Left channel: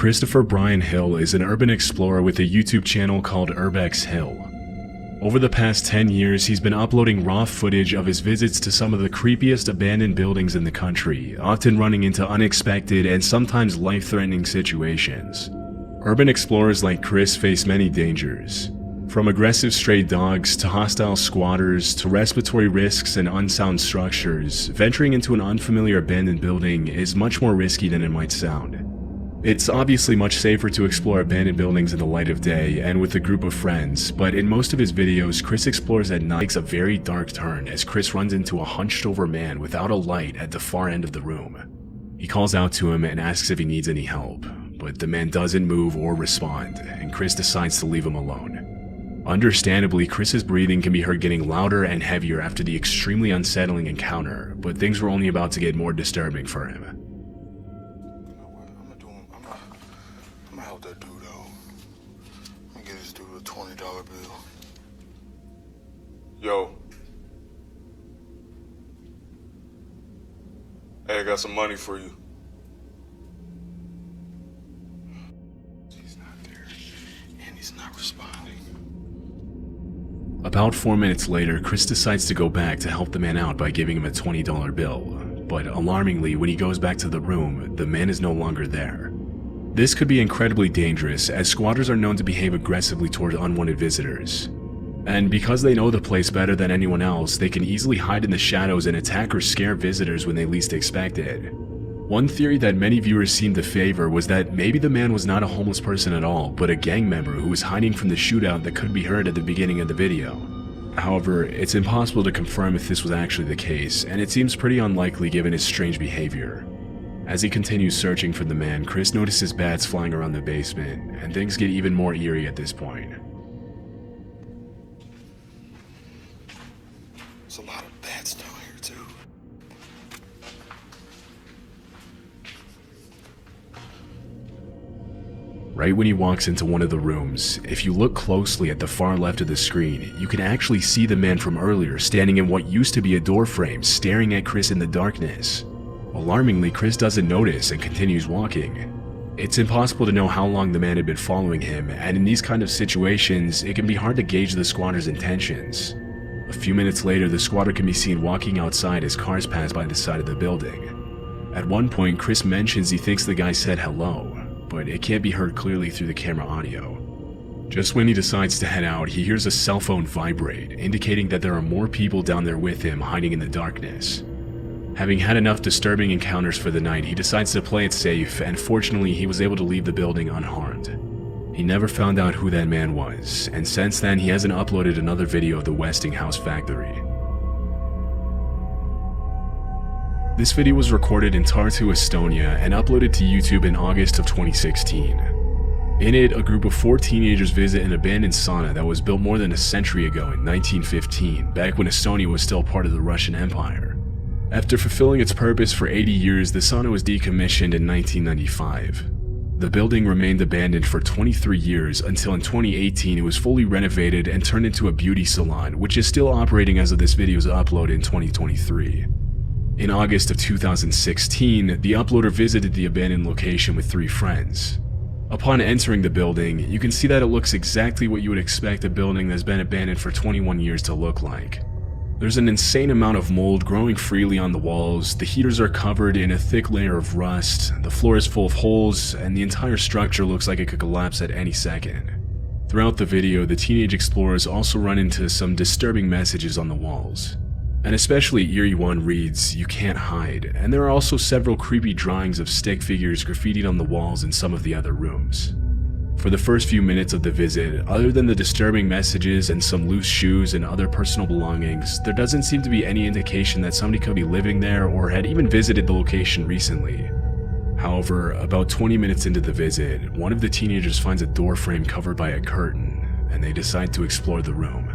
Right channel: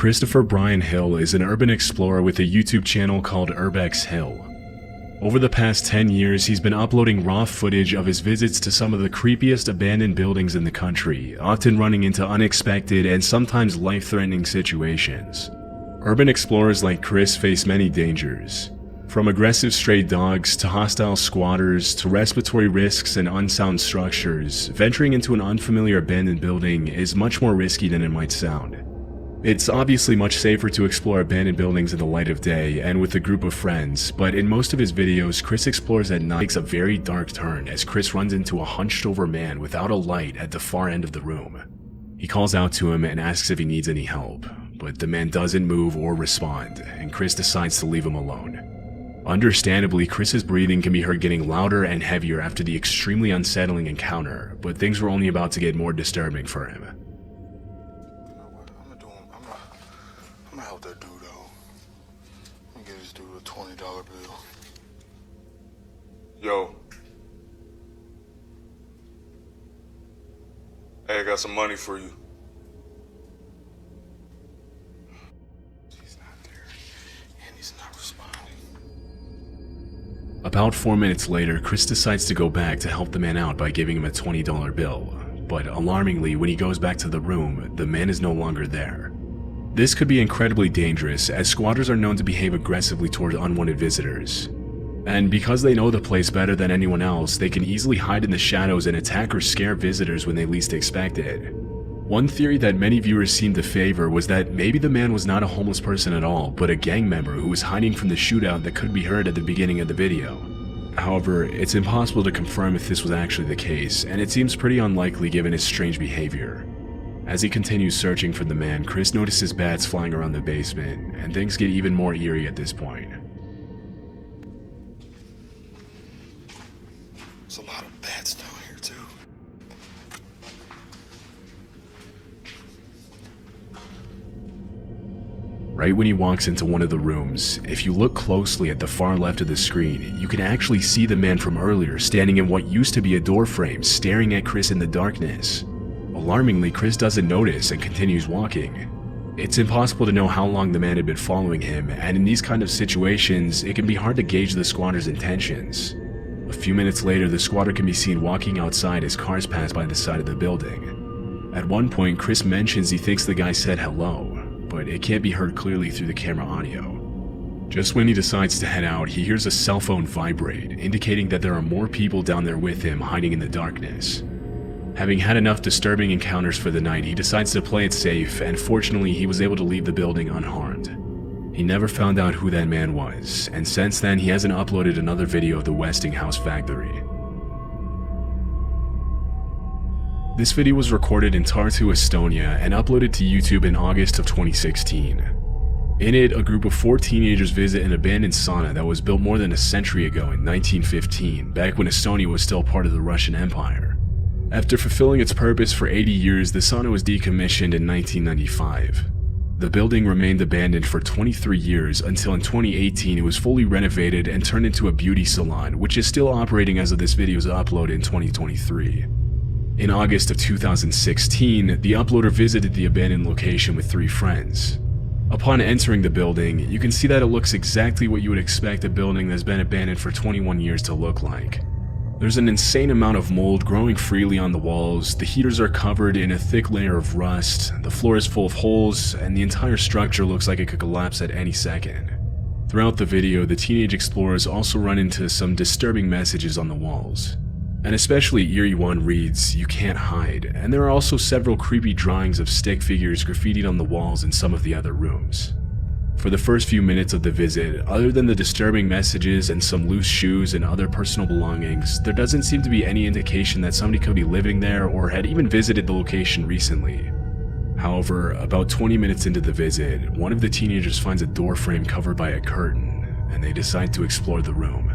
Christopher Brian Hill is an urban explorer with a YouTube channel called 𝐓𝐡𝐞𝐲'𝐫𝐞. Over the past 10 years, he's been uploading raw footage of his visits to some of the creepiest abandoned buildings in the country, often running into unexpected and sometimes life-threatening situations. Urban explorers like Chris face many dangers, from aggressive stray dogs to hostile squatters to respiratory risks and unsound structures. Venturing into an unfamiliar abandoned building is much more risky than it might sound. It's obviously much safer to explore abandoned buildings in the light of day and with a group of friends, but in most of his videos, Chris explores at night. Takes a very dark turn as Chris runs into a hunched over man without a light at the far end of the room. He calls out to him and asks if he needs any help, but the man doesn't move or respond, and Chris decides to leave him alone. Understandably, Chris's breathing can be heard getting louder and heavier after the extremely unsettling encounter, but things were only about to get more disturbing for him. Help that dude out. I'm gonna get this dude a $20 bill. Yo. Hey, I got some money for you. He's not there, and he's not responding. About 4 minutes later, Chris decides to go back to help the man out by giving him a $20 bill. But alarmingly, when he goes back to the room, the man is no longer there. This could be incredibly dangerous, as squatters are known to behave aggressively toward unwanted visitors. And because they know the place better than anyone else, they can easily hide in the shadows and attack or scare visitors when they least expect it. One theory that many viewers seem to favor was that maybe the man was not a homeless person at all, but a gang member who was hiding from the shootout that could be heard at the beginning of the video. However, it's impossible to confirm if this was actually the case, and it seems pretty unlikely given his strange behavior. As he continues searching for the man, Chris notices bats flying around the basement, and things get even more eerie at this point. There's a lot of bats down here, too. Right when he walks into one of the rooms, if you look closely at the far left of the screen, you can actually see the man from earlier standing in what used to be a door frame, staring at Chris in the darkness. Alarmingly, Chris doesn't notice and continues walking. It's impossible to know how long the man had been following him, and in these kind of situations, it can be hard to gauge the squatter's intentions. A few minutes later, the squatter can be seen walking outside as cars pass by the side of the building. At one point, Chris mentions he thinks the guy said hello, but it can't be heard clearly through the camera audio. Just when he decides to head out, he hears a cell phone vibrate, indicating that there are more people down there with him hiding in the darkness. Having had enough disturbing encounters for the night, he decides to play it safe, and fortunately he was able to leave the building unharmed. He never found out who that man was, and since then he hasn't uploaded another video of the Westinghouse factory. This video was recorded in Tartu, Estonia, and uploaded to YouTube in August of 2016. In it, a group of 4 teenagers visit an abandoned sauna that was built more than a century ago in 1915, back when Estonia was still part of the Russian Empire. After fulfilling its purpose for 80 years, the sauna was decommissioned in 1995. The building remained abandoned for 23 years until in 2018 it was fully renovated and turned into a beauty salon, which is still operating as of this video's upload in 2023. In August of 2016, the uploader visited the abandoned location with 3 friends. Upon entering the building, you can see that it looks exactly what you would expect a building that's been abandoned for 21 years to look like. There's an insane amount of mold growing freely on the walls, the heaters are covered in a thick layer of rust, the floor is full of holes, and the entire structure looks like it could collapse at any second. Throughout the video, the teenage explorers also run into some disturbing messages on the walls. An especially eerie one reads, "You can't hide," and there are also several creepy drawings of stick figures graffitied on the walls in some of the other rooms. For the first few minutes of the visit, other than the disturbing messages and some loose shoes and other personal belongings, there doesn't seem to be any indication that somebody could be living there or had even visited the location recently. However, about 20 minutes into the visit, one of the teenagers finds a door frame covered by a curtain, and they decide to explore the room.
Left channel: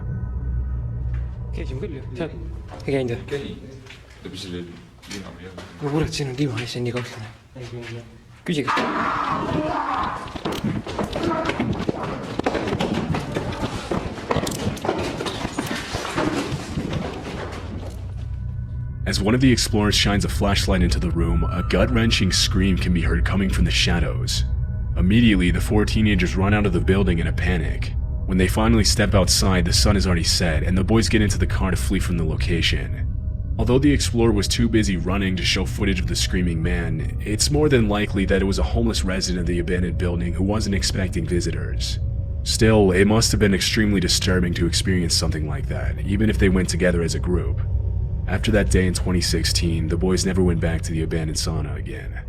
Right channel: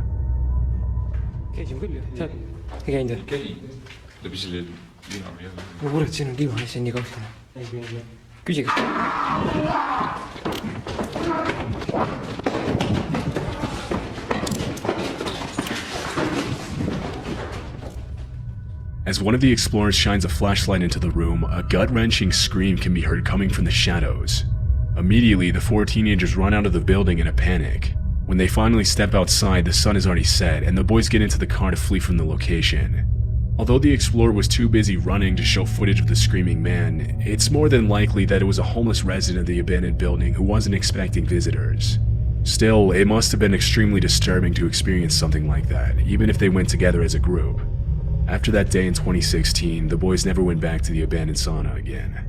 As one of the explorers shines a flashlight into the room, a gut-wrenching scream can be heard coming from the shadows. Immediately, the four teenagers run out of the building in a panic. When they finally step outside, the sun is already set, and the boys get into the car to flee from the location. Although the explorer was too busy running to show footage of the screaming man, it's more than likely that it was a homeless resident of the abandoned building who wasn't expecting visitors. Still, it must have been extremely disturbing to experience something like that, even if they went together as a group. After that day in 2016, the boys never went back to the abandoned sauna again.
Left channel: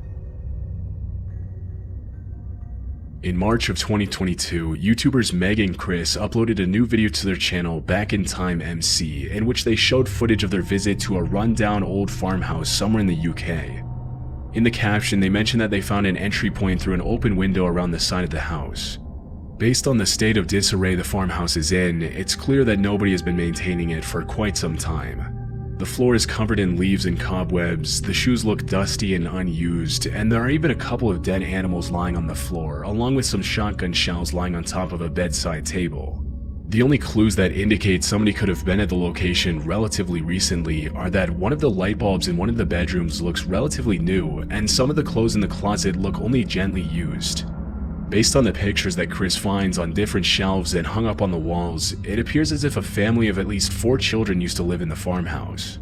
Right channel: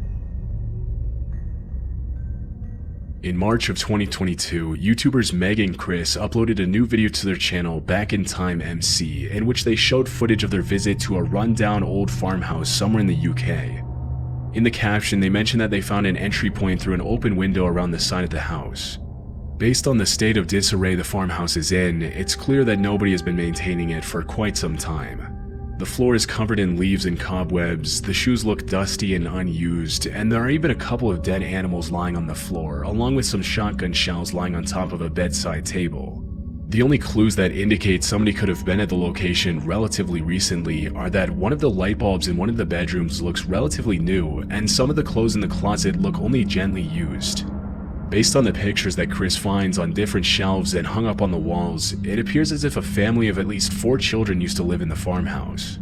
In March of 2022, YouTubers Meg and Chris uploaded a new video to their channel Back in Time MC, in which they showed footage of their visit to a rundown old farmhouse somewhere in the UK. In the caption, they mentioned that they found an entry point through an open window around the side of the house. Based on the state of disarray the farmhouse is in, it's clear that nobody has been maintaining it for quite some time. The floor is covered in leaves and cobwebs, the shoes look dusty and unused, and there are even a couple of dead animals lying on the floor, along with some shotgun shells lying on top of a bedside table. The only clues that indicate somebody could have been at the location relatively recently are that one of the light bulbs in one of the bedrooms looks relatively new, and some of the clothes in the closet look only gently used. Based on the pictures that Chris finds on different shelves and hung up on the walls, it appears as if a family of at least 4 children used to live in the farmhouse.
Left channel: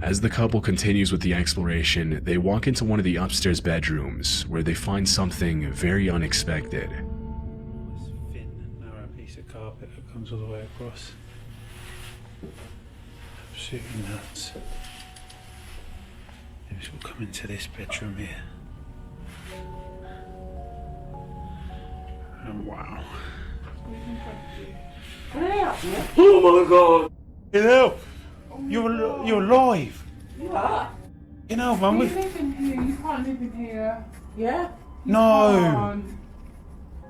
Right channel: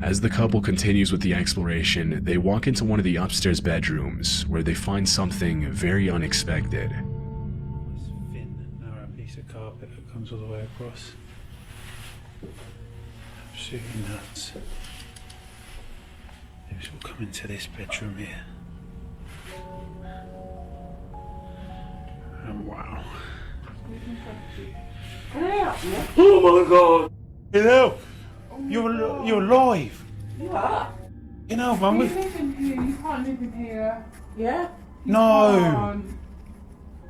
As the couple continues with the exploration, they walk into one of the upstairs bedrooms, where they find something very unexpected. It's a thin, narrow piece of carpet that comes all the way across. Absolutely nuts. Maybe we'll come into this bedroom here. And wow. Oh my god! Get out! You're alive! Get out, mum! You live in here, you can't live in here. Yeah? No!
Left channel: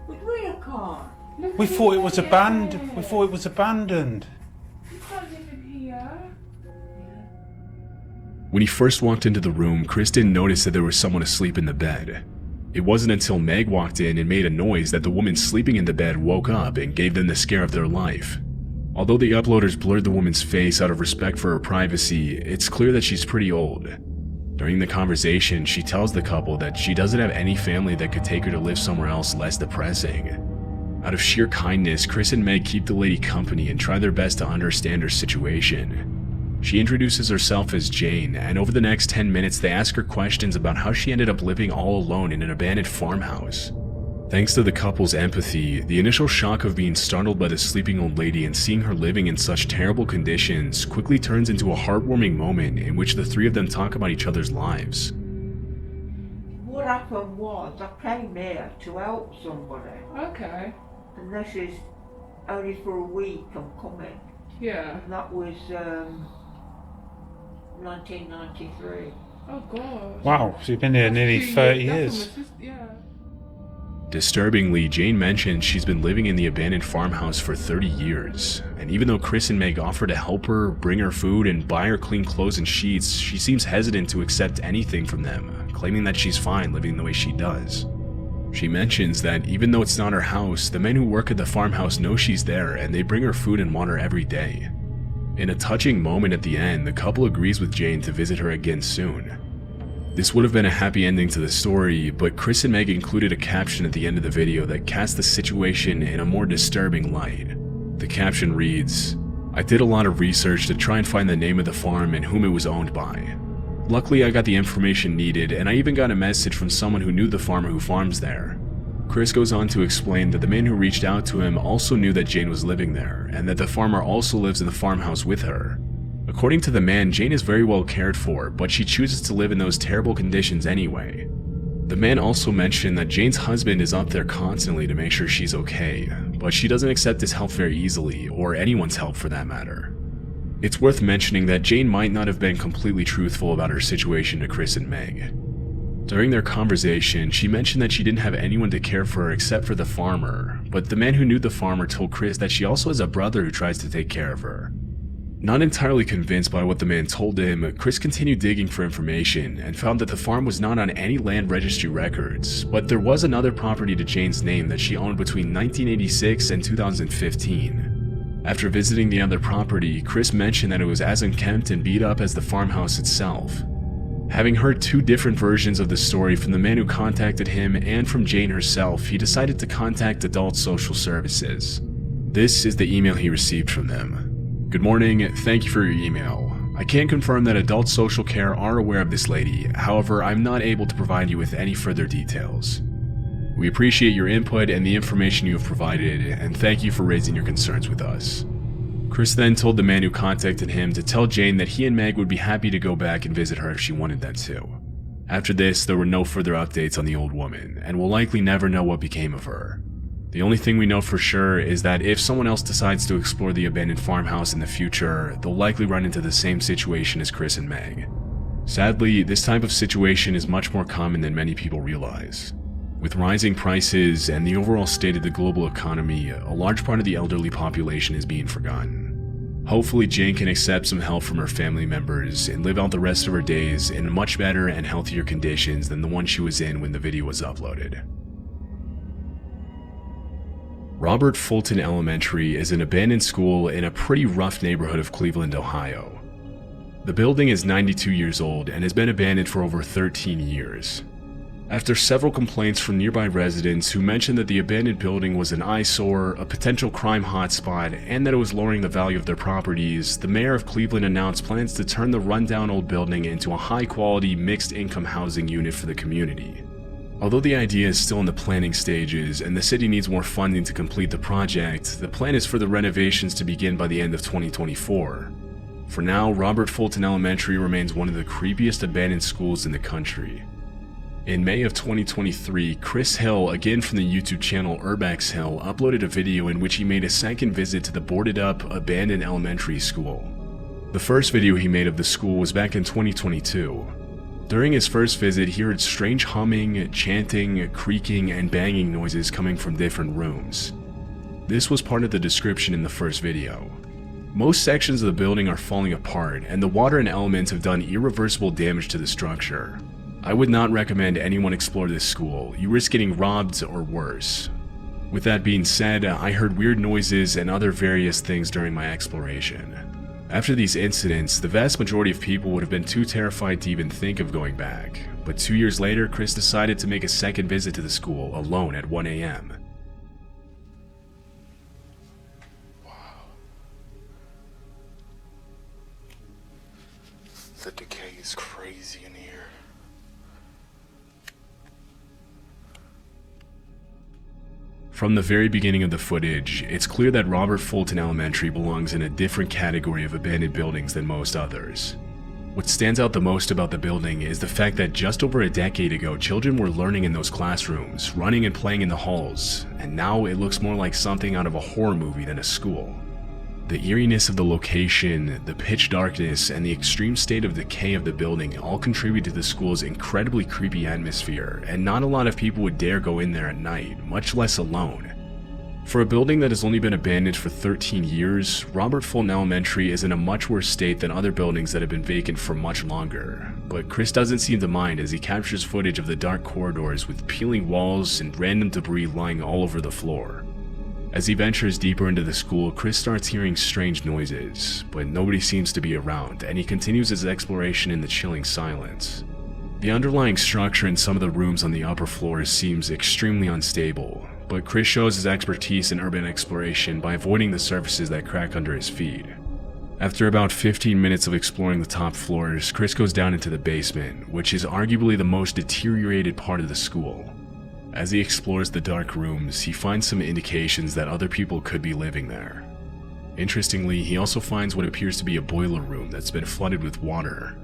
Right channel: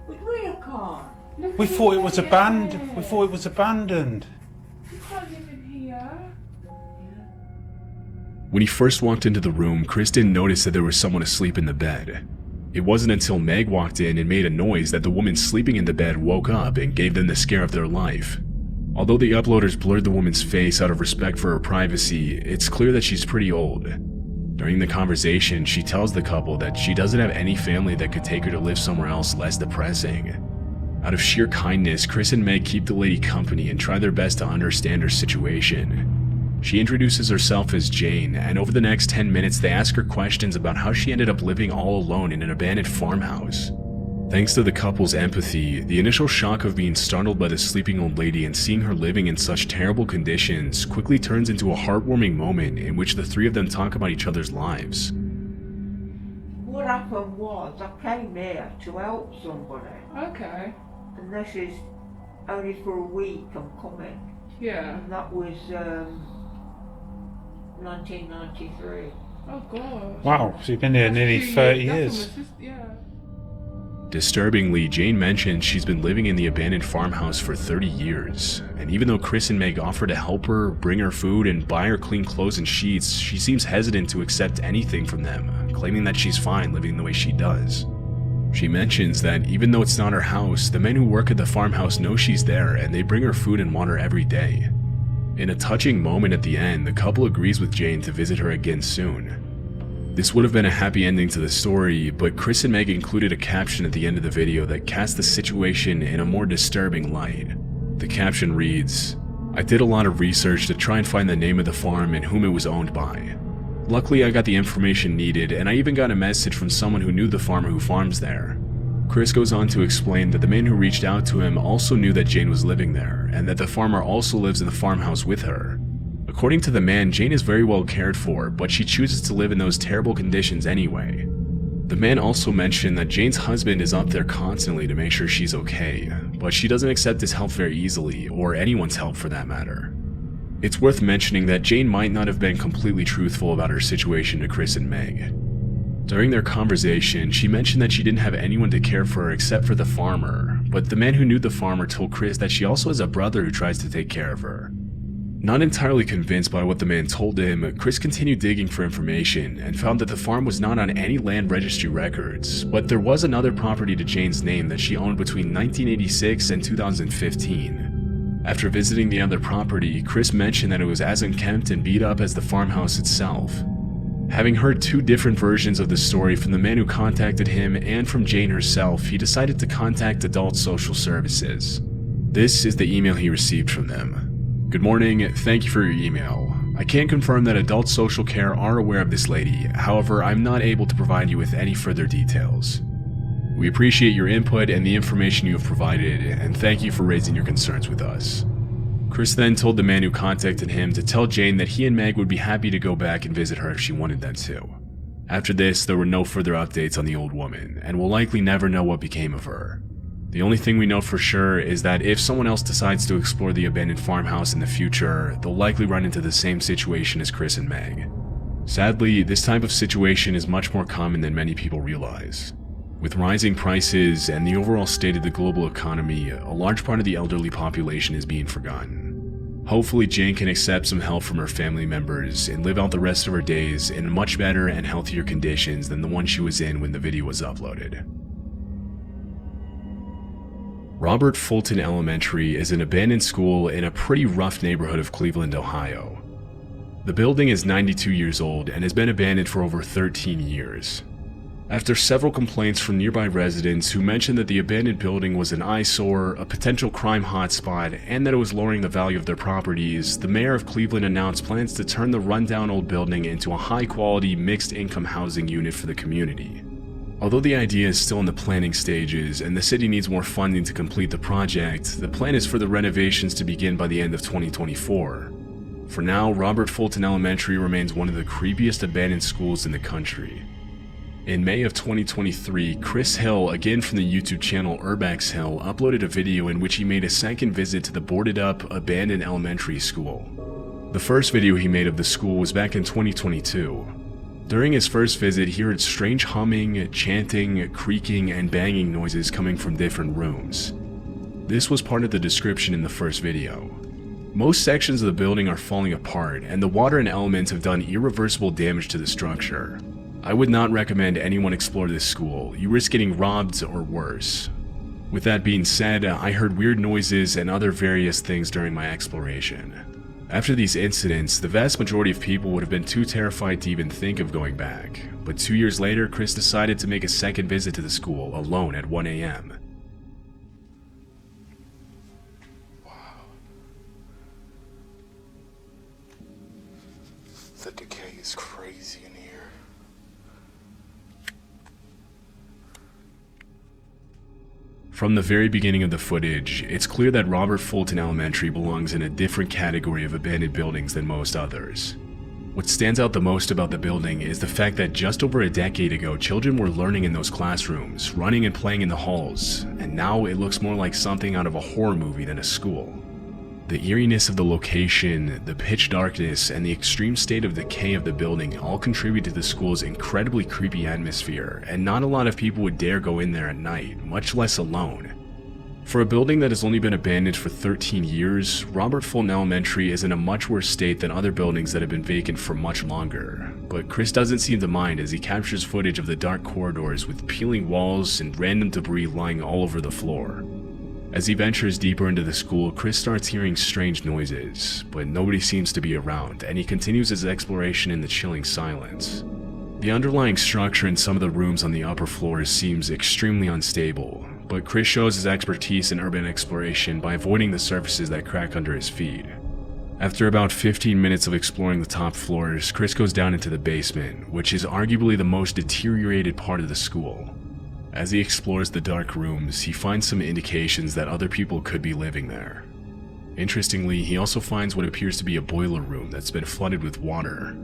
We can't. We thought it was abandoned. We thought it was abandoned. You can't live in here. When he first walked into the room, Chris didn't notice that there was someone asleep in the bed. It wasn't until Meg walked in and made a noise that the woman sleeping in the bed woke up and gave them the scare of their life. Although the uploaders blurred the woman's face out of respect for her privacy, it's clear that she's pretty old. During the conversation, she tells the couple that she doesn't have any family that could take her to live somewhere else less depressing. Out of sheer kindness, Chris and Meg keep the lady company and try their best to understand her situation. She introduces herself as Jane, and over the next 10 minutes they ask her questions about how she ended up living all alone in an abandoned farmhouse. Thanks to the couple's empathy, the initial shock of being startled by the sleeping old lady and seeing her living in such terrible conditions quickly turns into a heartwarming moment in which the three of them talk about each other's lives. What happened was, I came here to help somebody, Okay. and this is only for a week I'm coming, Yeah. and that was 1993. Oh god. Wow, so you've been there nearly 30 years. Yeah. Disturbingly, Jane mentions she's been living in the abandoned farmhouse for 30 years, and even though Chris and Meg offer to help her, bring her food, and buy her clean clothes and sheets, she seems hesitant to accept anything from them, claiming that she's fine living the way she does. She mentions that even though it's not her house, the men who work at the farmhouse know she's there and they bring her food and water every day. In a touching moment at the end, the couple agrees with Jane to visit her again soon. This would have been a happy ending to the story, but Chris and Meg included a caption at the end of the video that cast the situation in a more disturbing light. The caption reads, "I did a lot of research to try and find the name of the farm and whom it was owned by. Luckily, I got the information needed, and I even got a message from someone who knew the farmer who farms there." Chris goes on to explain that the man who reached out to him also knew that Jane was living there, and that the farmer also lives in the farmhouse with her. According to the man, Jane is very well cared for, but she chooses to live in those terrible conditions anyway. The man also mentioned that Jane's husband is up there constantly to make sure she's okay, but she doesn't accept his help very easily, or anyone's help for that matter. It's worth mentioning that Jane might not have been completely truthful about her situation to Chris and Meg. During their conversation, she mentioned that she didn't have anyone to care for her except for the farmer, but the man who knew the farmer told Chris that she also has a brother who tries to take care of her. Not entirely convinced by what the man told him, Chris continued digging for information and found that the farm was not on any land registry records, but there was another property to Jane's name that she owned between 1986 and 2015. After visiting the other property, Chris mentioned that it was as unkempt and beat up as the farmhouse itself. Having heard two different versions of the story from the man who contacted him and from Jane herself, he decided to contact Adult Social Services. This is the email he received from them. Good morning, thank you for your email. I can confirm that Adult Social Care are aware of this lady, however, I'm not able to provide you with any further details. We appreciate your input and the information you have provided, and thank you for raising your concerns with us. Chris then told the man who contacted him to tell Jane that he and Meg would be happy to go back and visit her if she wanted them to. After this, there were no further updates on the old woman, and we'll likely never know what became of her. The only thing we know for sure is that if someone else decides to explore the abandoned farmhouse in the future, they'll likely run into the same situation as Chris and Meg. Sadly, this type of situation is much more common than many people realize. With rising prices and the overall state of the global economy, a large part of the elderly population is being forgotten. Hopefully Jane can accept some help from her family members and live out the rest of her days in much better and healthier conditions than the one she was in when the video was uploaded. Robert Fulton Elementary is an abandoned school in a pretty rough neighborhood of Cleveland, Ohio. The building is 92 years old and has been abandoned for over 13 years. After several complaints from nearby residents who mentioned that the abandoned building was an eyesore, a potential crime hotspot, and that it was lowering the value of their properties, the mayor of Cleveland announced plans to turn the rundown old building into a high-quality, mixed-income housing unit for the community. Although the idea is still in the planning stages and the city needs more funding to complete the project, the plan is for the renovations to begin by the end of 2024. For now, Robert Fulton Elementary remains one of the creepiest abandoned schools in the country. In May of 2023, Chris Hill, again from the YouTube channel 𝐓𝐡𝐞𝐲'𝐫𝐞, uploaded a video in which he made a second visit to the boarded-up, abandoned elementary school. The first video he made of the school was back in 2022. During his first visit, he heard strange humming, chanting, creaking, and banging noises coming from different rooms. This was part of the description in the first video. Most sections of the building are falling apart, and the water and elements have done irreversible damage to the structure. I would not recommend anyone explore this school. You risk getting robbed or worse. With that being said, I heard weird noises and other various things during my exploration. After these incidents, the vast majority of people would have been too terrified to even think of going back. But 2 years later, Chris decided to make a second visit to the school, alone at 1 a.m. The decay is crazy in here. From the very beginning of the footage, it's clear that Robert Fulton Elementary belongs in a different category of abandoned buildings than most others. What stands out the most about the building is the fact that just over a decade ago, children were learning in those classrooms, running and playing in the halls, and now it looks more like something out of a horror movie than a school. The eeriness of the location, the pitch darkness, and the extreme state of decay of the building all contribute to the school's incredibly creepy atmosphere, and not a lot of people would dare go in there at night, much less alone. For a building that has only been abandoned for 13 years, Robert Fulton Elementary is in a much worse state than other buildings that have been vacant for much longer. But Chris doesn't seem to mind as he captures footage of the dark corridors with peeling walls and random debris lying all over the floor. As he ventures deeper into the school, Chris starts hearing strange noises, but nobody seems to be around, and he continues his exploration in the chilling silence. The underlying structure in some of the rooms on the upper floors seems extremely unstable, but Chris shows his expertise in urban exploration by avoiding the surfaces that crack under his feet. After about 15 minutes of exploring the top floors, Chris goes down into the basement, which is arguably the most deteriorated part of the school. As he explores the dark rooms, he finds some indications that other people could be living there. Interestingly, he also finds what appears to be a boiler room that's been flooded with water.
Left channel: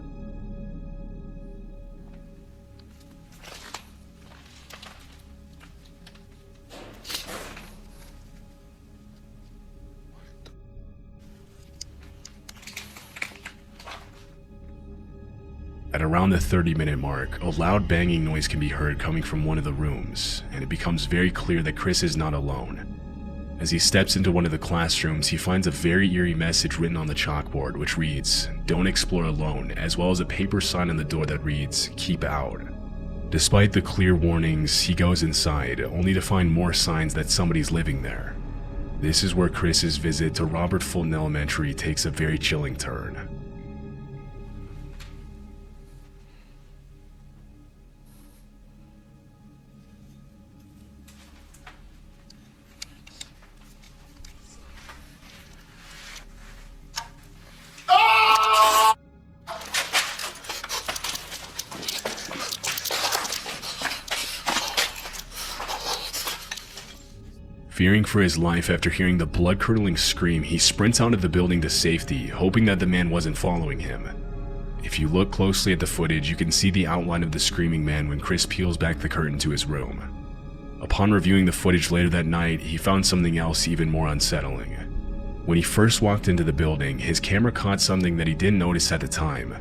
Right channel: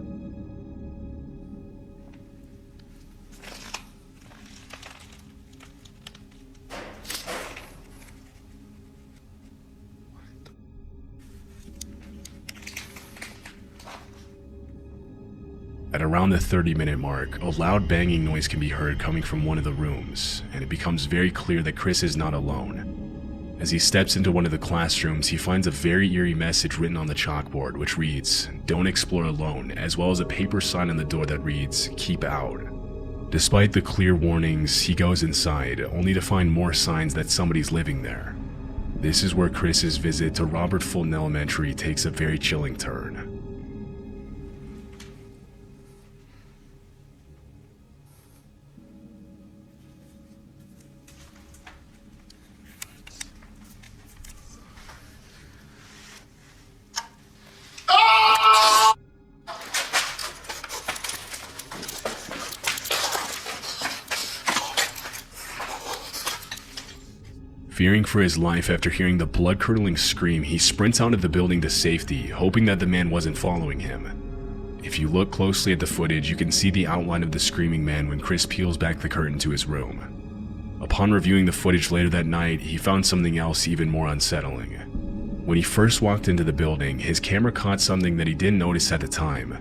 At around the 30-minute mark, a loud banging noise can be heard coming from one of the rooms, and it becomes very clear that Chris is not alone. As he steps into one of the classrooms, he finds a very eerie message written on the chalkboard, which reads, "Don't explore alone," as well as a paper sign on the door that reads, "Keep out." Despite the clear warnings, he goes inside, only to find more signs that somebody's living there. This is where Chris's visit to Robert Fulton Elementary takes a very chilling turn. Fearing for his life after hearing the blood-curdling scream, he sprints out of the building to safety, hoping that the man wasn't following him. If you look closely at the footage, you can see the outline of the screaming man when Chris peels back the curtain to his room. Upon reviewing the footage later that night, he found something else even more unsettling. When he first walked into the building, his camera caught something that he didn't notice at the time.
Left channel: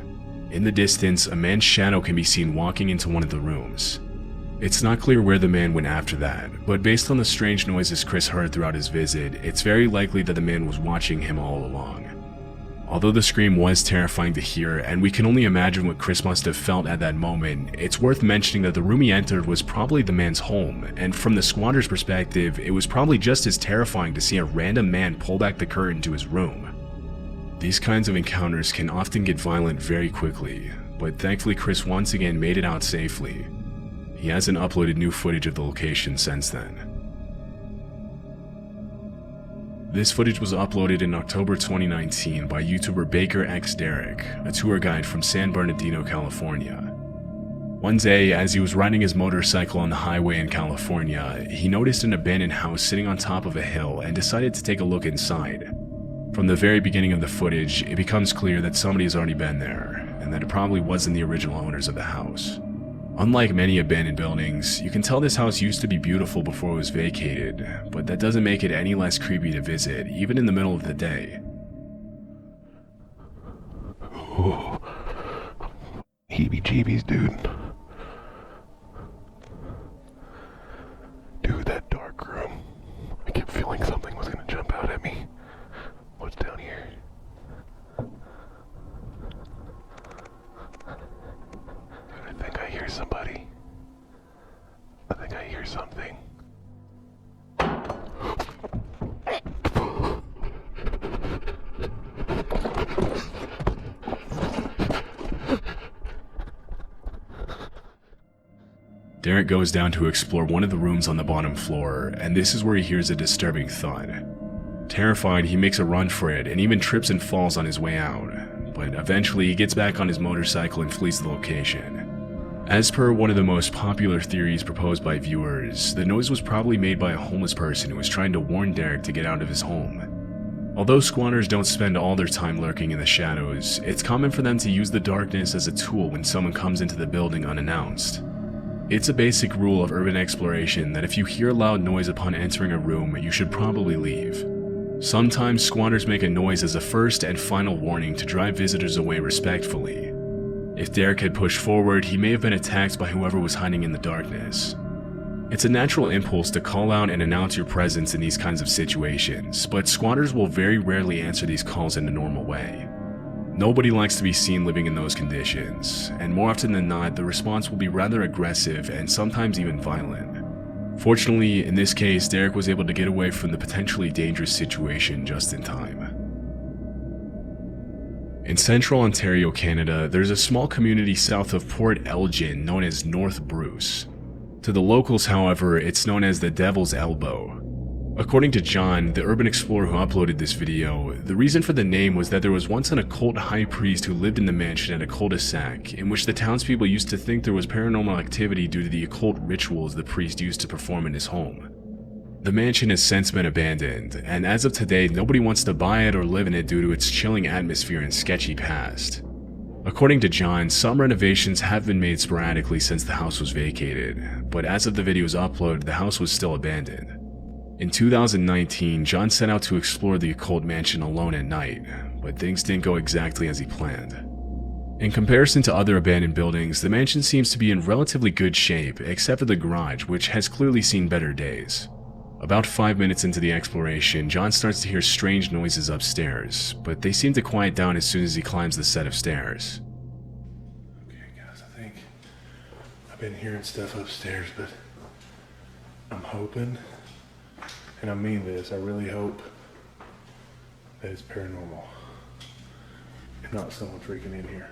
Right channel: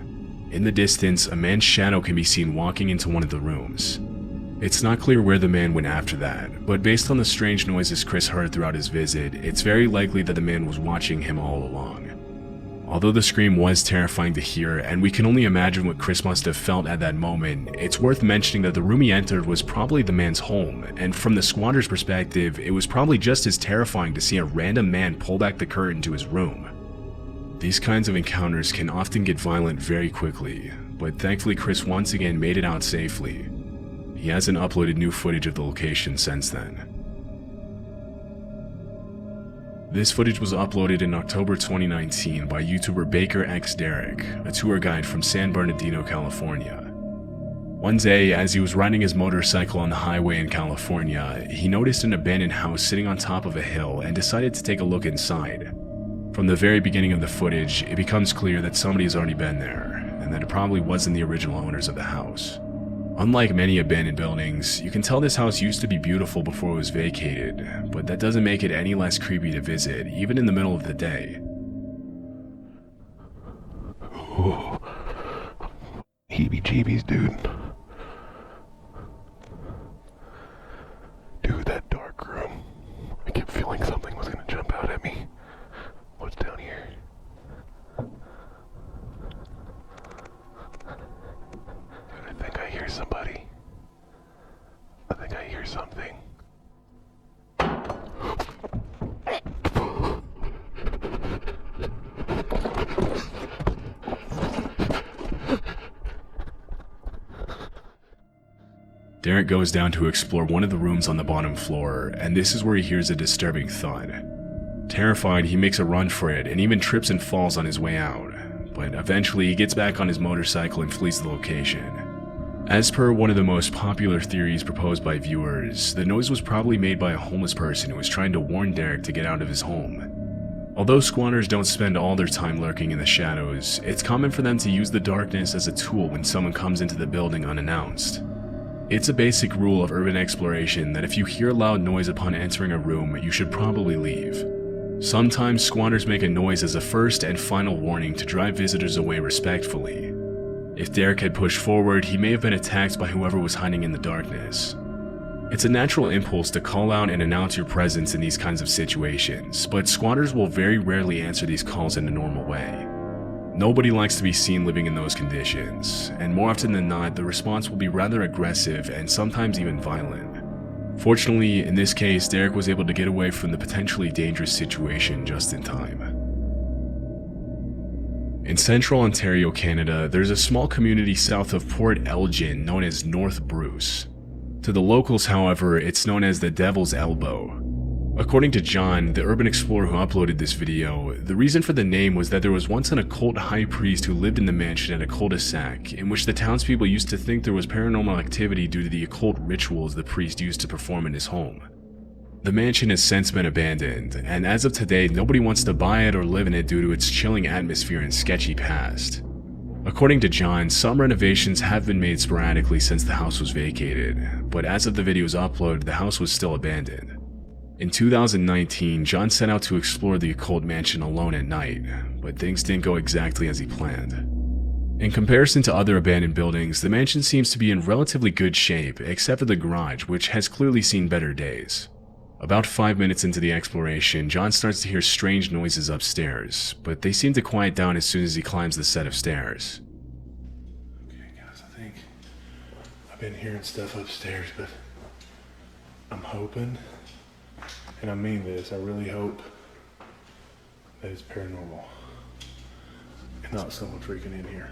In the distance, a man's shadow can be seen walking into one of the rooms. It's not clear where the man went after that, but based on the strange noises Chris heard throughout his visit, it's very likely that the man was watching him all along. Although the scream was terrifying to hear, and we can only imagine what Chris must have felt at that moment, it's worth mentioning that the room he entered was probably the man's home, and from the squatter's perspective, it was probably just as terrifying to see a random man pull back the curtain to his room. These kinds of encounters can often get violent very quickly, but thankfully Chris once again made it out safely. He hasn't uploaded new footage of the location since then. This footage was uploaded in October 2019 by YouTuber Baker X Derek, a tour guide from San Bernardino, California. One day, as he was riding his motorcycle on the highway in California, he noticed an abandoned house sitting on top of a hill and decided to take a look inside. From the very beginning of the footage, it becomes clear that somebody's already been there, and that it probably wasn't the original owners of the house. Unlike many abandoned buildings, you can tell this house used to be beautiful before it was vacated, but that doesn't make it any less creepy to visit, even in the middle of the day. Oh. Heebie-jeebies, dude. Dude, that dark room. I kept feeling something was gonna jump out at me. What's down here? I think I hear somebody. I think I hear something. Derek goes down to explore one of the rooms on the bottom floor, and this is where he hears a disturbing thud. Terrified, he makes a run for it and even trips and falls on his way out, but eventually he gets back on his motorcycle and flees the location. As per one of the most popular theories proposed by viewers, the noise was probably made by a homeless person who was trying to warn Derek to get out of his home. Although squatters don't spend all their time lurking in the shadows, it's common for them to use the darkness as a tool when someone comes into the building unannounced. It's a basic rule of urban exploration that if you hear a loud noise upon entering a room, you should probably leave. Sometimes squatters make a noise as a first and final warning to drive visitors away respectfully. If Derek had pushed forward, he may have been attacked by whoever was hiding in the darkness. It's a natural impulse to call out and announce your presence in these kinds of situations, but squatters will very rarely answer these calls in a normal way. Nobody likes to be seen living in those conditions, and more often than not, the response will be rather aggressive and sometimes even violent. Fortunately, in this case, Derek was able to get away from the potentially dangerous situation just in time. In central Ontario, Canada, there's a small community south of Port Elgin known as North Bruce. To the locals, however, it's known as the Devil's Elbow. According to John, the urban explorer who uploaded this video, the reason for the name was that there was once an occult high priest who lived in the mansion at a cul-de-sac, in which the townspeople used to think there was paranormal activity due to the occult rituals the priest used to perform in his home. The mansion has since been abandoned, and as of today, nobody wants to buy it or live in it due to its chilling atmosphere and sketchy past. According to John, some renovations have been made sporadically since the house was vacated, but as of the video's upload, the house was still abandoned. In 2019, John set out to explore the occult mansion alone at night, but things didn't go exactly as he planned. In comparison to other abandoned buildings, the mansion seems to be in relatively good shape, except for the garage, which has clearly seen better days. About 5 minutes into the exploration, John starts to hear strange noises upstairs, but they seem to quiet down as soon as he climbs the set of stairs. Okay guys, I think I've been hearing stuff upstairs, but I'm hoping, and I mean this, I really hope that it's paranormal and not someone freaking in here.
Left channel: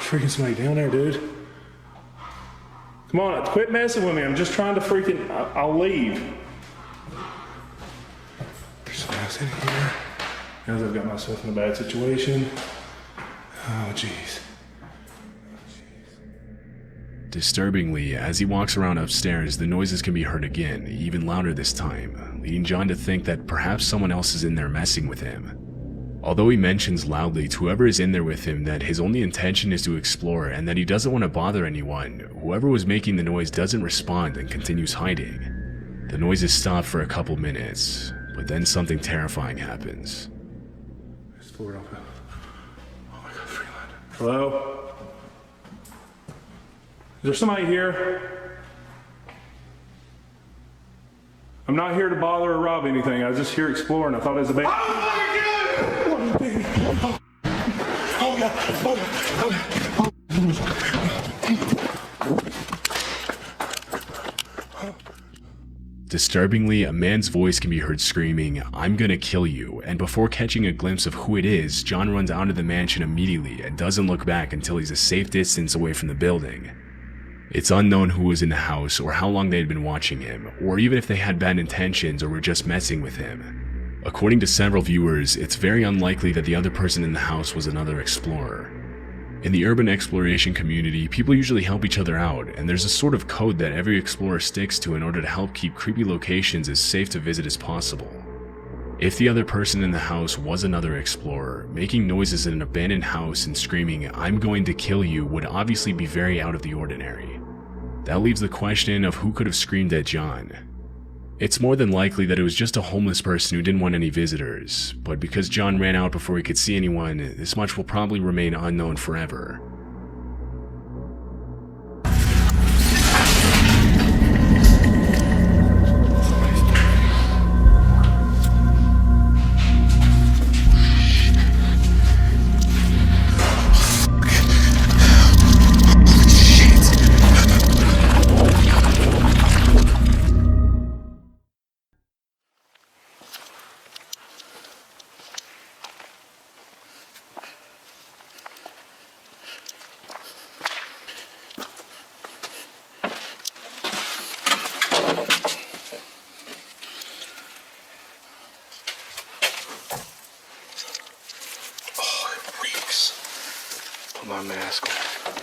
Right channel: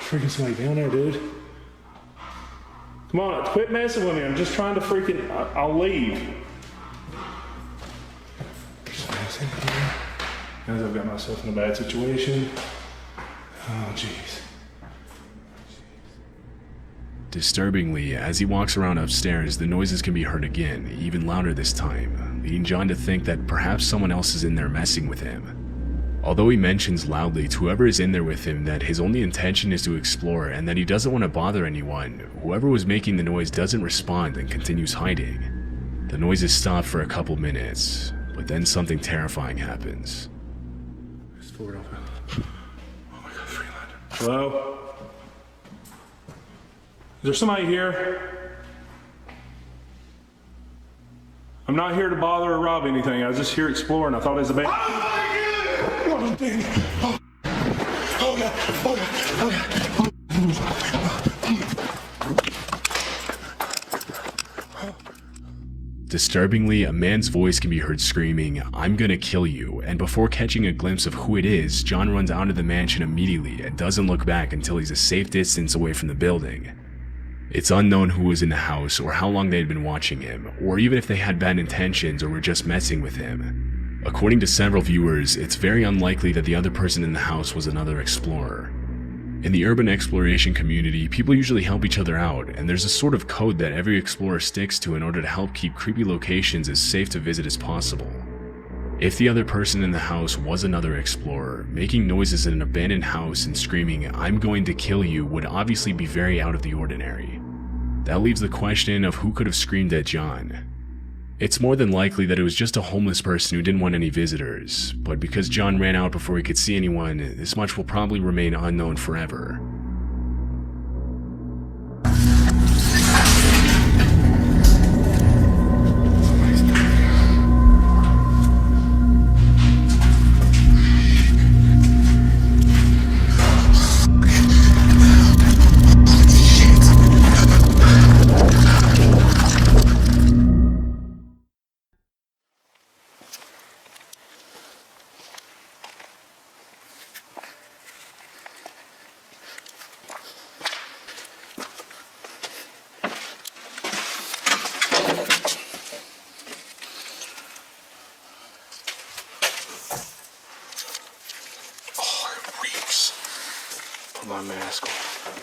Freaking somebody down there, dude. Come on, quit messing with me. I'm just trying to freaking. I'll leave. There's something else in here. Guys, I've got myself in a bad situation. Oh, jeez. Disturbingly, as he walks around upstairs, the noises can be heard again, even louder this time, leading John to think that perhaps someone else is in there messing with him. Although he mentions loudly to whoever is in there with him that his only intention is to explore and that he doesn't want to bother anyone, whoever was making the noise doesn't respond and continues hiding. The noises stop for a couple minutes, but then something terrifying happens. This floor don't feel. Oh my God, 300. Hello? Is there somebody here? I'm not here to bother or rob anything. I was just here exploring. I thought it was a big. Disturbingly, a man's voice can be heard screaming, "I'm gonna kill you," and before catching a glimpse of who it is, John runs out of the mansion immediately and doesn't look back until he's a safe distance away from the building. It's unknown who was in the house or how long they had been watching him, or even if they had bad intentions or were just messing with him. According to several viewers, it's very unlikely that the other person in the house was another explorer. In the urban exploration community, people usually help each other out, and there's a sort of code that every explorer sticks to in order to help keep creepy locations as safe to visit as possible. If the other person in the house was another explorer, making noises in an abandoned house and screaming, "I'm going to kill you," would obviously be very out of the ordinary. That leaves the question of who could have screamed at John. It's more than likely that it was just a homeless person who didn't want any visitors, but because John ran out before he could see anyone, this much will probably remain unknown forever. Put my mask on.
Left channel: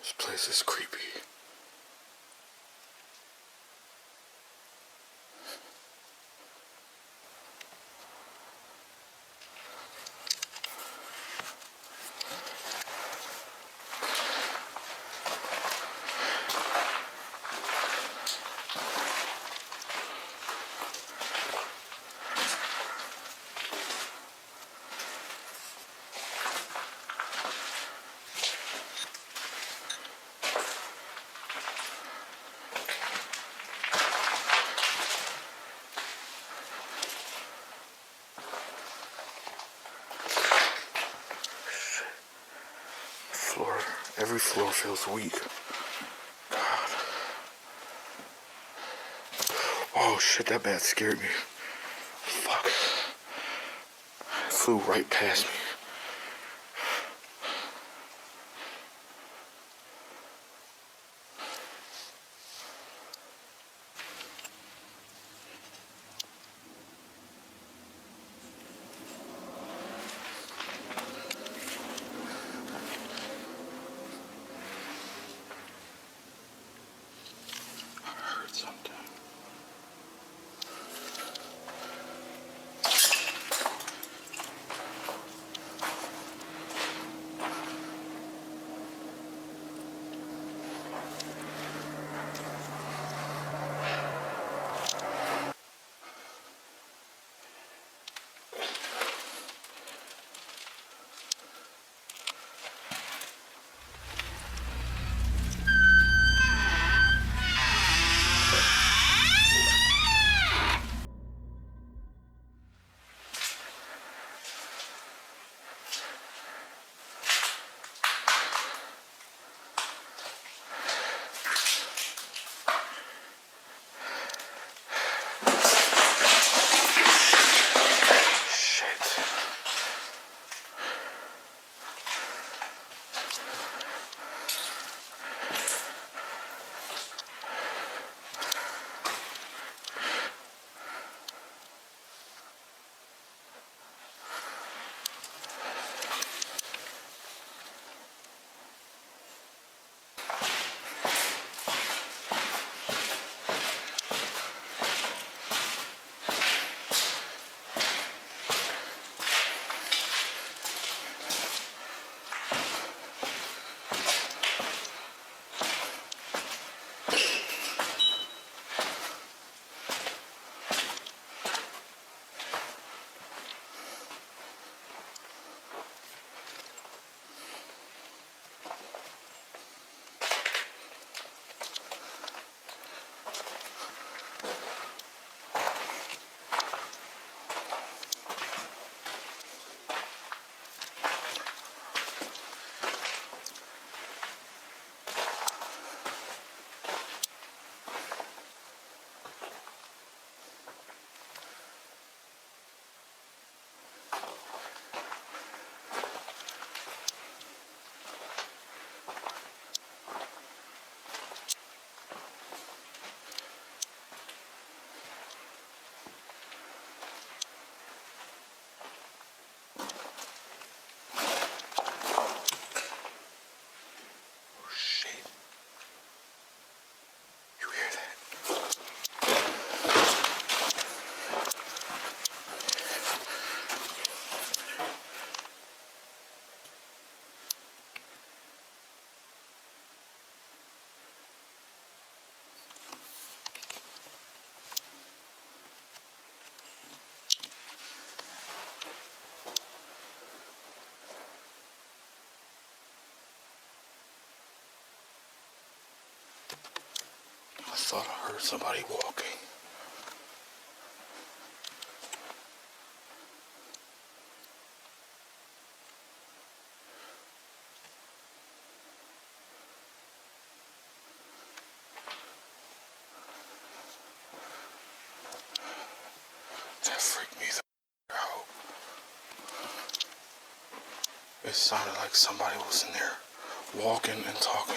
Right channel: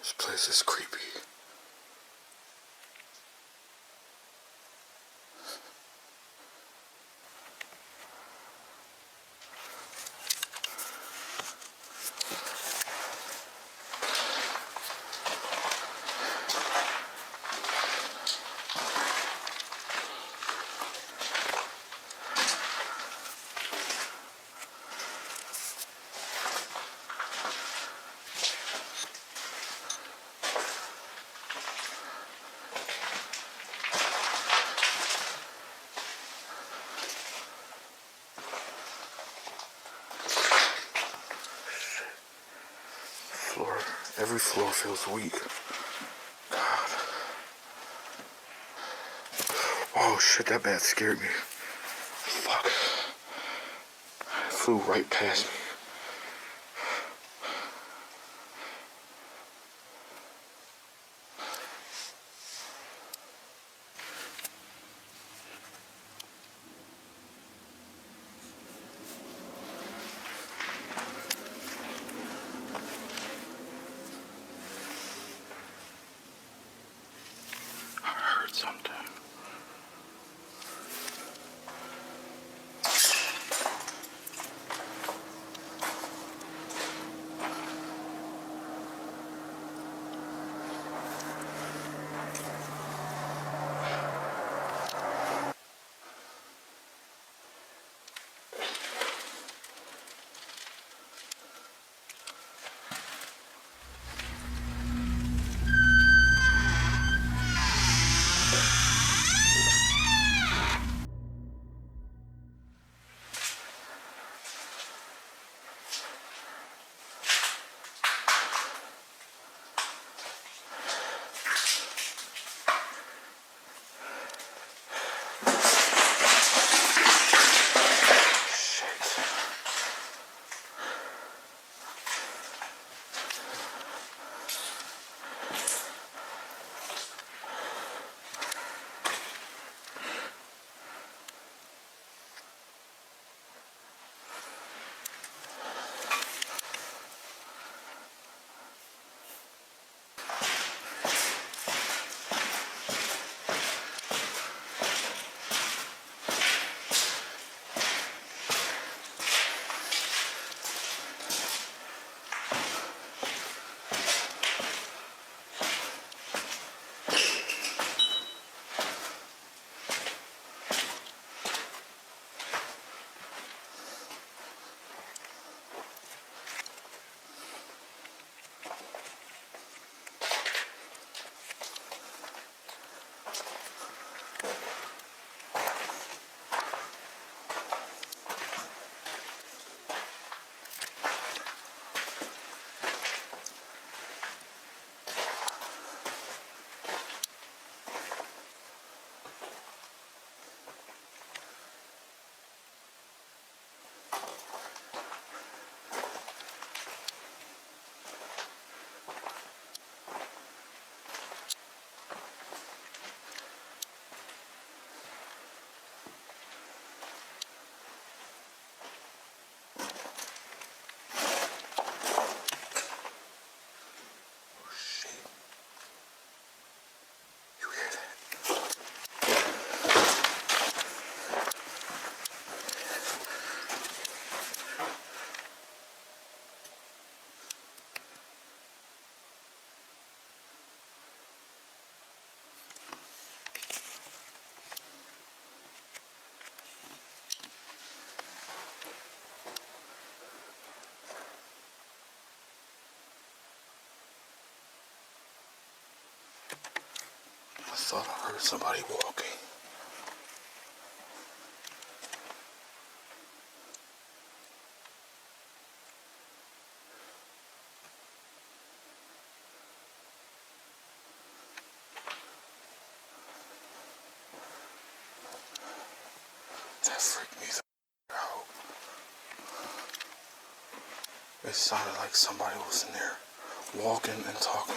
This place is creepy. Every floor feels weak. Oh shit, that bat scared me. Fuck. It flew right past me. Something. I thought I heard somebody walking. That freaked me the out. It sounded like somebody was in there walking and talking.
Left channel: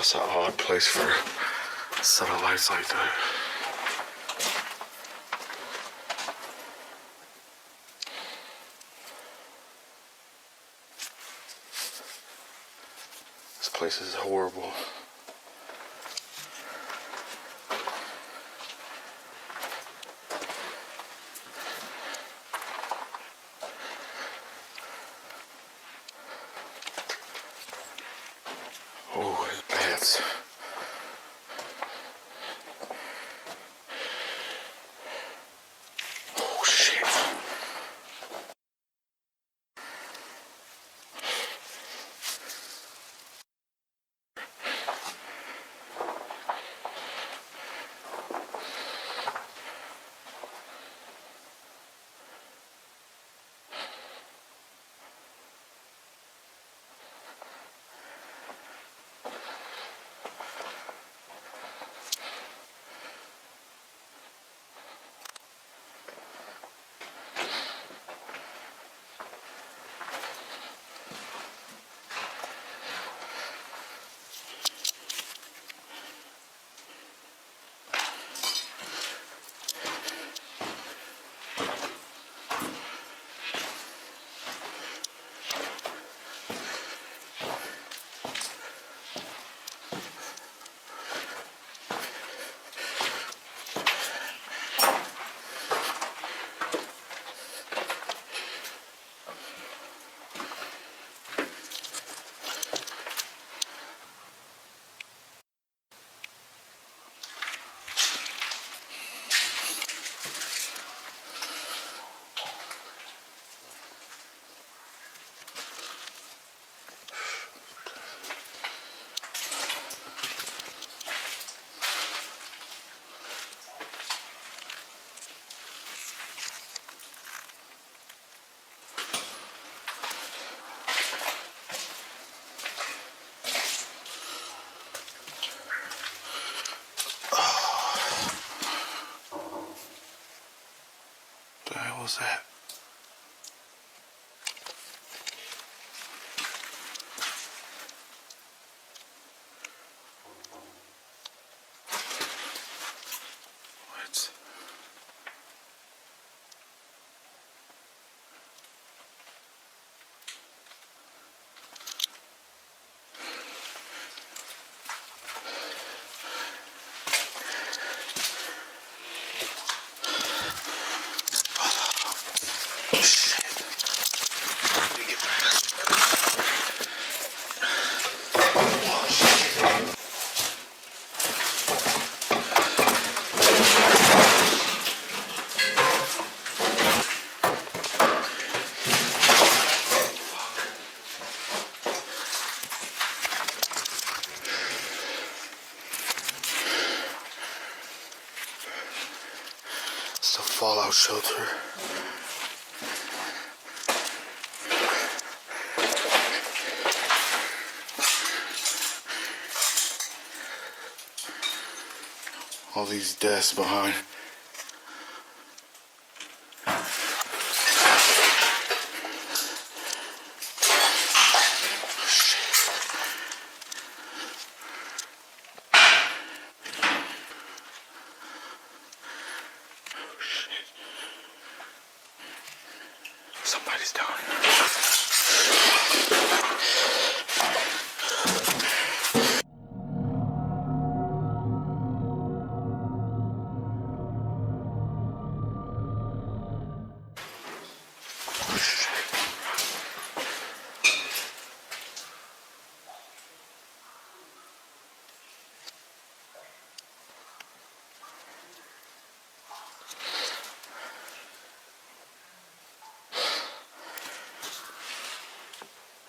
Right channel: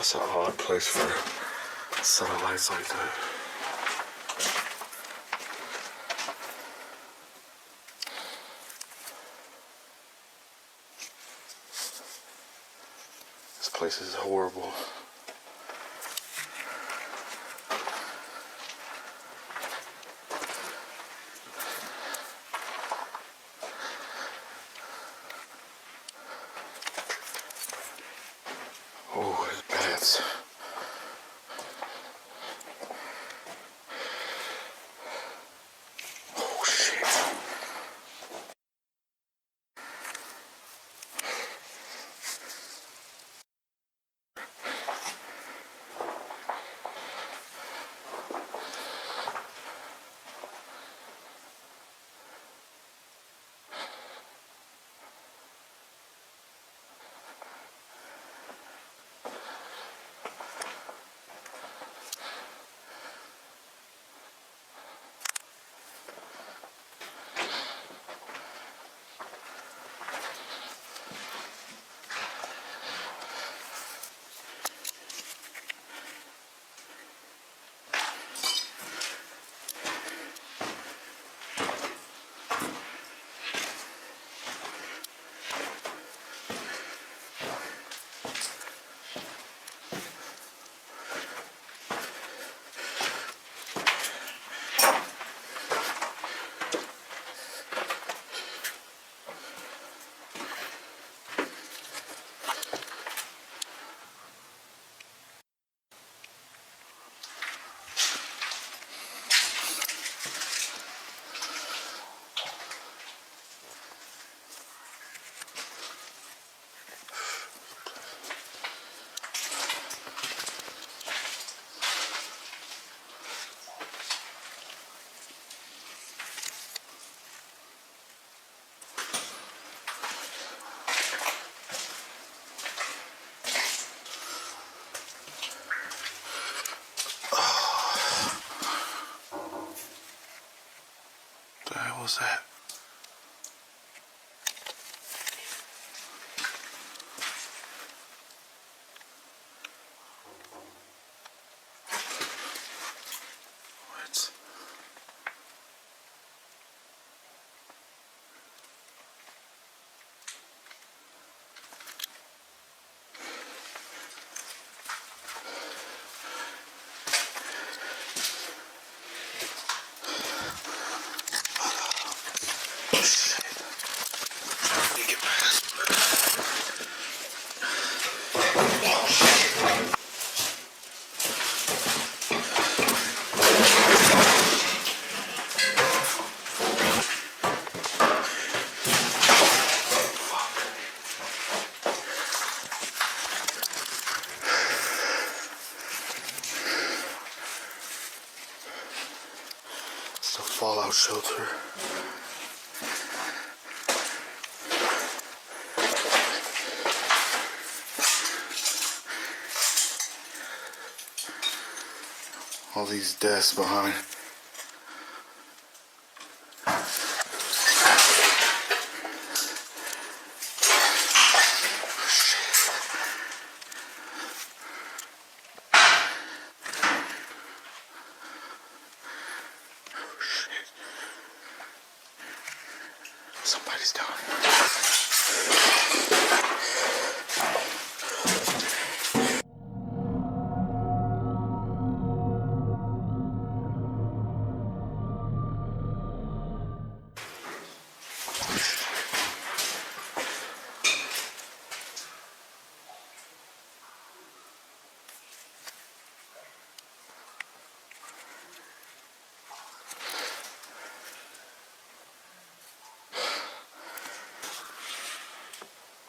That's an odd place for a set of lights like that. This place is horrible. Oh my bats. Oh shit. hell was that? What? It's a fallout shelter. All these desks behind. Somebody's down.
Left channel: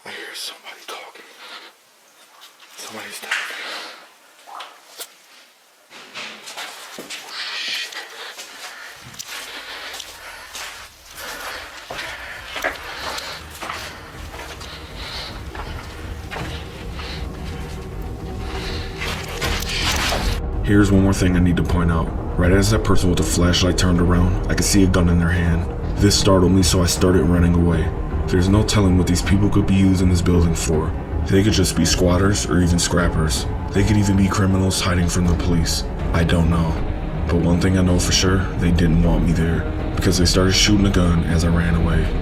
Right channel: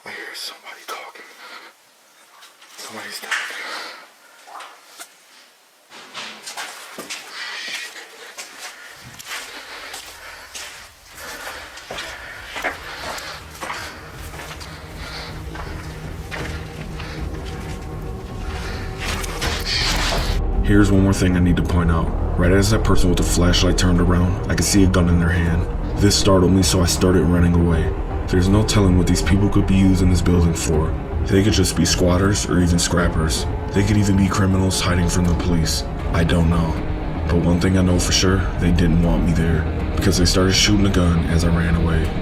I hear somebody talking. Somebody's talking. Here's one more thing I need to point out. Right as that person with the flashlight turned around, I could see a gun in their hand. This startled me, so I started running away. There's no telling what these people could be using this building for. They could just be squatters or even scrappers. They could even be criminals hiding from the police. I don't know. But one thing I know for sure, they didn't want me there, because they started shooting a gun as I ran away.